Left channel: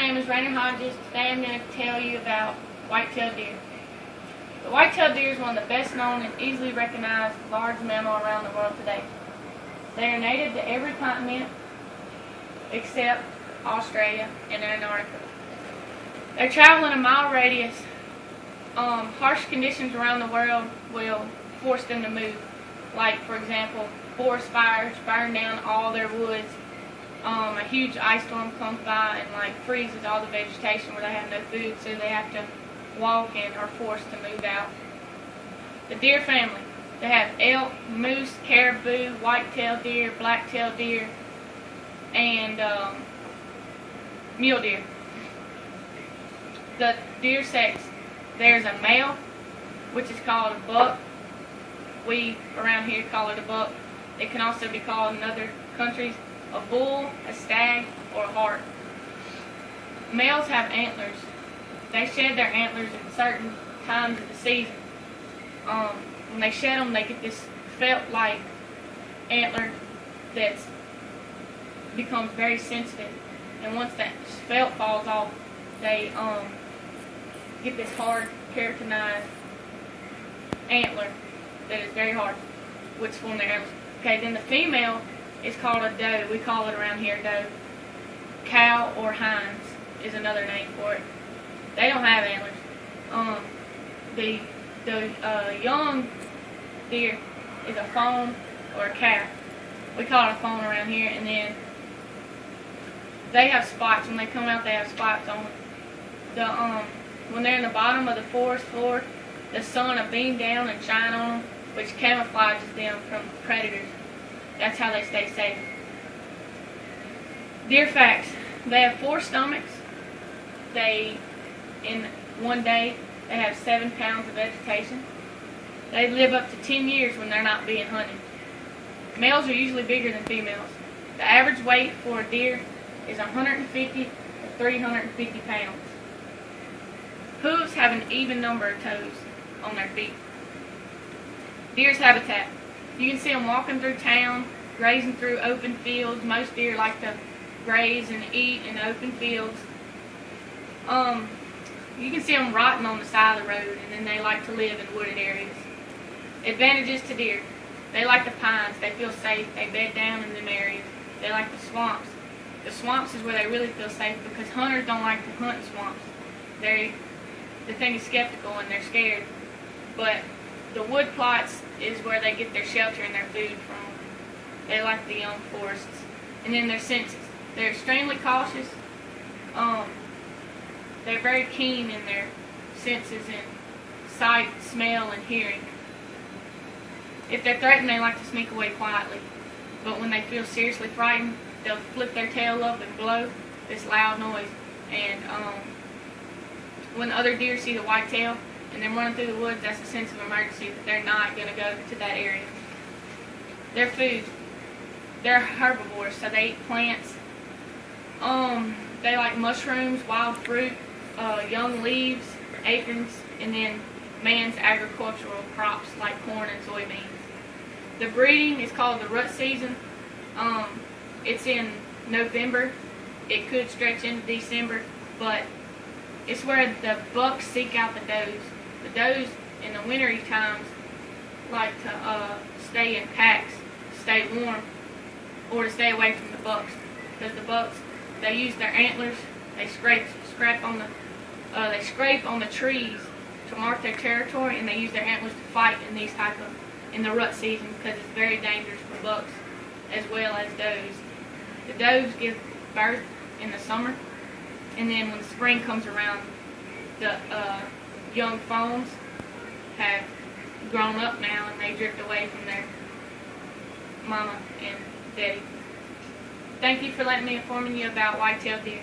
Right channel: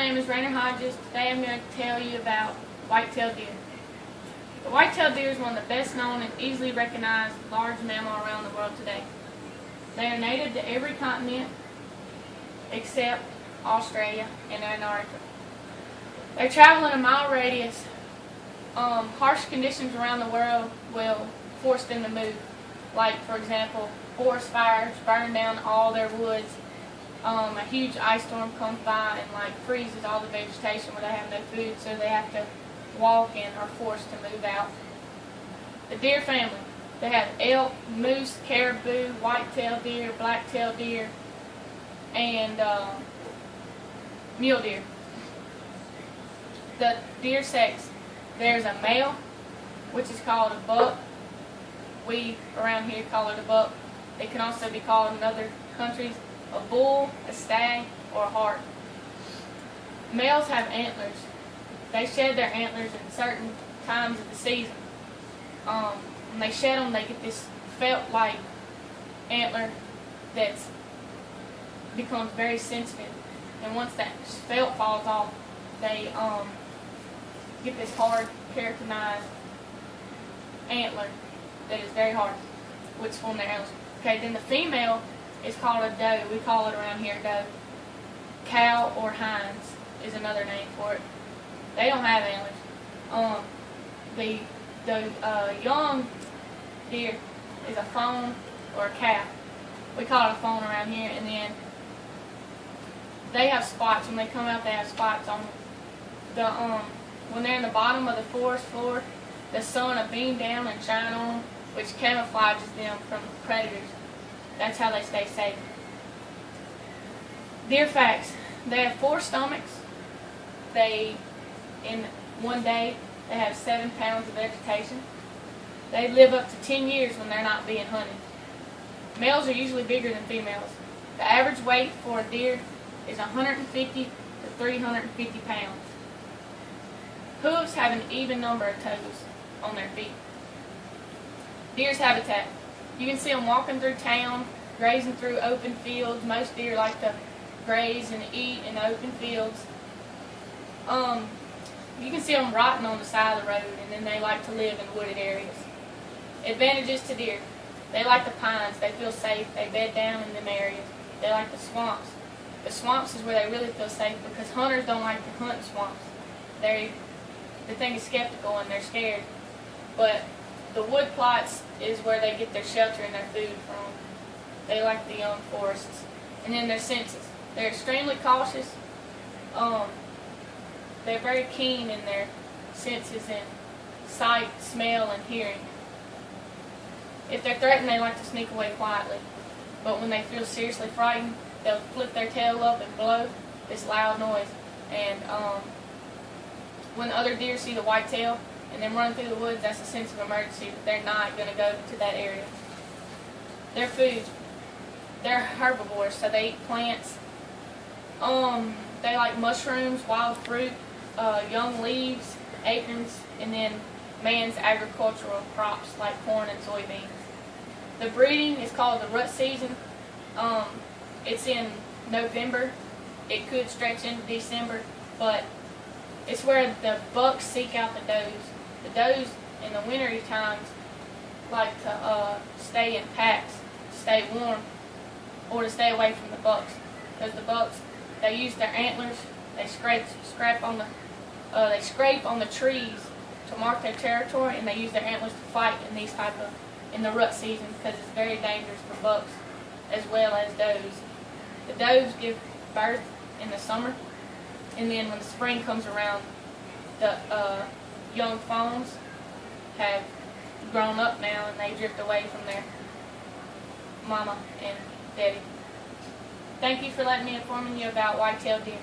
name is Rainer Hodges. Today I'm going to tell you about white-tailed deer. The white-tailed deer is one of the best known and easily recognized large mammal around the world today. They are native to every continent except Australia and Antarctica. They travel in a mile radius. Harsh conditions around the world will force them to move. Like, for example, forest fires burn down all their woods. A huge ice storm comes by and freezes all the vegetation where they have no food, so they have to walk and are forced to move out. The deer family. They have elk, moose, caribou, white-tailed deer, black-tailed deer, and mule deer. The deer sex. There's a male, which is called a buck. We around here call it a buck. It can also be called in other countries a bull, a stag, or a hart. Males have antlers. They shed their antlers at certain times of the season. When they shed them, they get this felt-like antler that becomes very sensitive. And once that felt falls off, they get this hard, keratinized antler that is very hard, which form their antlers. Okay, then the female is called a doe. We call it around here doe. Cow or hinds is another name for it. They don't have antlers. The young deer is a fawn or a calf. We call it a fawn around here, and then they have spots. When they come out, they have spots on the when they're in the bottom of the forest floor, the sun will beam down and shine on them, which camouflages them from predators. That's how they stay safe. Deer facts. They have 4 stomachs. In one day, they have 7 pounds of vegetation. They live up to 10 years when they're not being hunted. Males are usually bigger than females. The average weight for a deer is 150 to 350 pounds. Hooves have an even number of toes on their feet. Deer's habitat. You can see them walking through town, grazing through open fields. Most deer like to graze and eat in open fields. You can see them rotting on the side of the road, and then they like to live in wooded areas. Advantages to deer. They like the pines. They feel safe. They bed down in them areas. They like the swamps. The swamps is where they really feel safe because hunters don't like to hunt in swamps. The thing is skeptical and they're scared. But the wood plots is where they get their shelter and their food from. They like the young forests. And then their senses. They're extremely cautious. They're very keen in their senses and sight, smell, and hearing. If they're threatened, they like to sneak away quietly. But when they feel seriously frightened, they'll flip their tail up and blow this loud noise. And when other deer see the whitetail and they're running through the woods, that's a sense of emergency that they're not going to go to that area. Their food. They're herbivores, so they eat plants. They like mushrooms, wild fruit, young leaves, acorns, and then man's agricultural crops like corn and soybeans. The breeding is called the rut season. It's in November. It could stretch into December, but it's where the bucks seek out the does. The does in the wintry times like to stay in packs, to stay warm, or to stay away from the bucks. Because the bucks, they use their antlers, they scrape on the trees to mark their territory, and they use their antlers to fight in the rut season because it's very dangerous for bucks as well as does. The does give birth in the summer, and then when the spring comes around, the young fawns have grown up now and they drift away from their mama and daddy. Thank you for letting me inform you about white-tailed deer.